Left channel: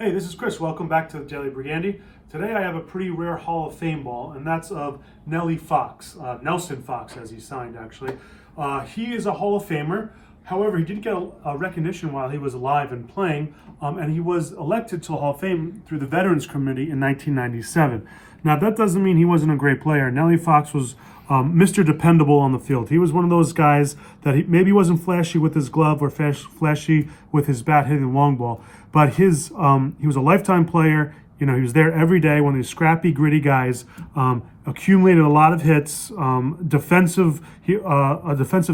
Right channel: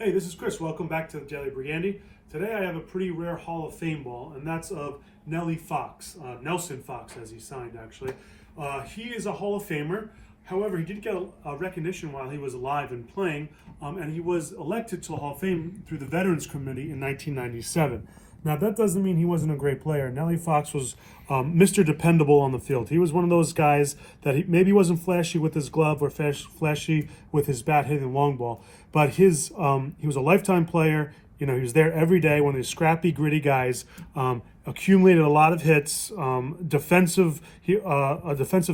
Hey, this is Chris. Welcome back to the Daily Brigandi. Today I have a pretty rare Hall of Fame ball, and that's of Nellie Fox, Nelson Fox, as he signed actually. He is a Hall of Famer. However, he didn't get a recognition while he was alive and playing, and he was elected to the Hall of Fame through the Veterans Committee in 1997. Now, that doesn't mean he wasn't a great player. Nellie Fox was Mr. Dependable on the field. He was one of those guys that maybe wasn't flashy with his glove or flashy with his bat hitting the long ball, but he was a lifetime player. You know, he was there every day. One of these scrappy, gritty guys. Accumulated a lot of hits. A defensive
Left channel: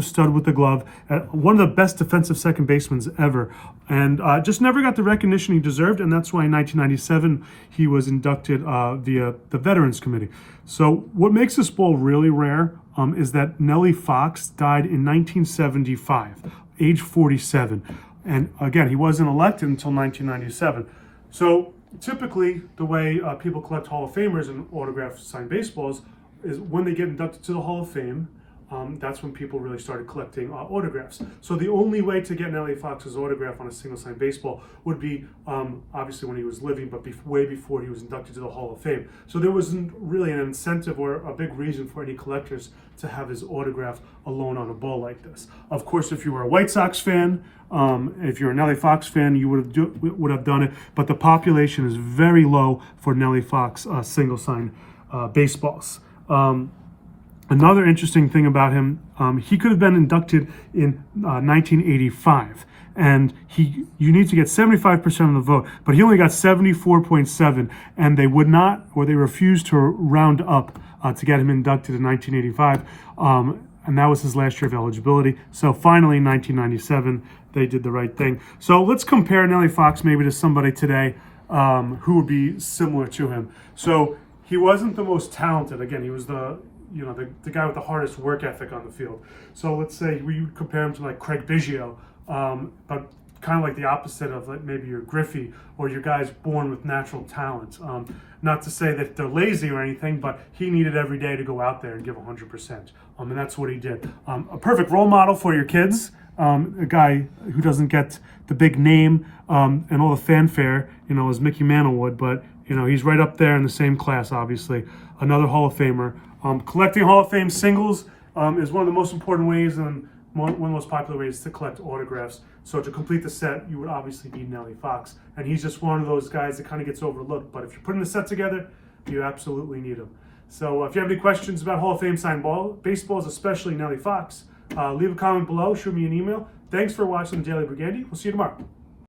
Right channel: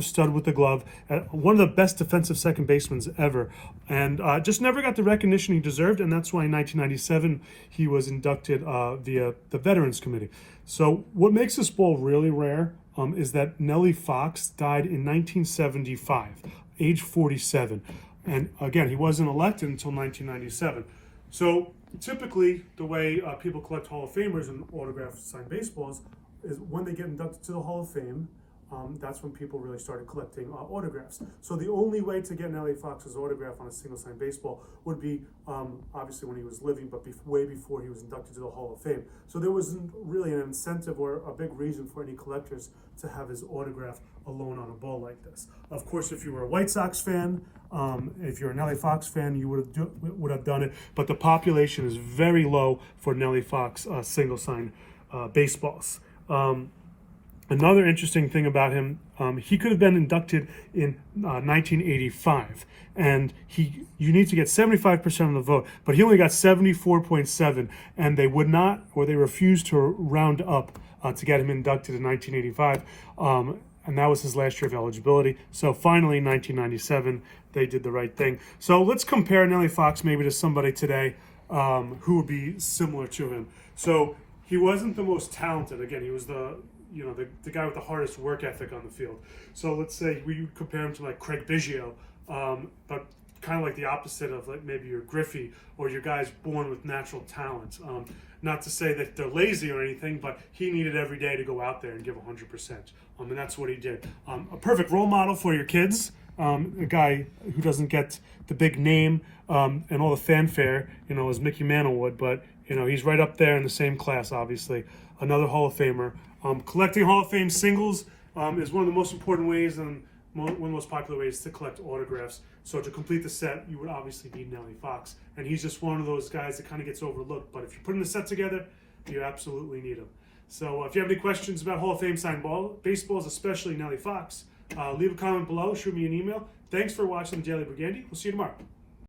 stud with the glove. One of the best defensive second basemen ever, and just never got the recognition he deserved. And that's why in 1997 he was inducted via the Veterans Committee. So what makes this ball really rare is that Nellie Fox died in 1975, age 47, and again he wasn't elected until 1997. So typically, the way people collect Hall of Famers and autographed signed baseballs is when they get inducted to the Hall of Fame. That's when people really started collecting autographs. So the only way to get Nellie Fox's autograph on a single signed baseball would be obviously when he was living, but way before he was inducted to the Hall of Fame. So there wasn't really an incentive or a big reason for any collectors to have his autograph alone on a ball like this. Of course, if you were a White Sox fan, if you're a Nellie Fox fan, you would have done it. But the population is very low for Nellie Fox single signed baseballs. Another interesting thing about him, he could have been inducted in 1985, and you need to get 75% of the vote, but he only got 74.7, and they would not, or they refused to round up to get him inducted in 1985, and that was his last year of eligibility. So finally, in 1997, they did the right thing. So let's compare Nellie Fox maybe to somebody today who would be similar to him. So he wasn't the most talented. Again, he was the guy with the hardest work ethic on the field. So let's say we would compare him to like Craig Biggio, but kind of like the opposite of like maybe your Griffey or your guys born with natural talent. Not to say that they're lazy or anything, but he needed every day to go out there and give 100%. And that's what he did. A perfect role model for your kids. A guy who doesn't get the big name and all the fanfare, as Mickey Mantle would, but he's right up there in the same class, obviously. Another Hall of Famer. Collecting Hall of Fame singles is one of the most important ways and one of the most popular ways to collect autographs. So to complete the set, you would obviously need Nellie Fox. And he's just one of those guys that kind of gets overlooked. But if you're putting the set together, you absolutely need him. So if you have any questions about Hall of Fame signed baseballs, especially Nellie Fox, leave a comment below, shoot me an email. Thanks for watching the Daily Brigandi. We'll see you tomorrow.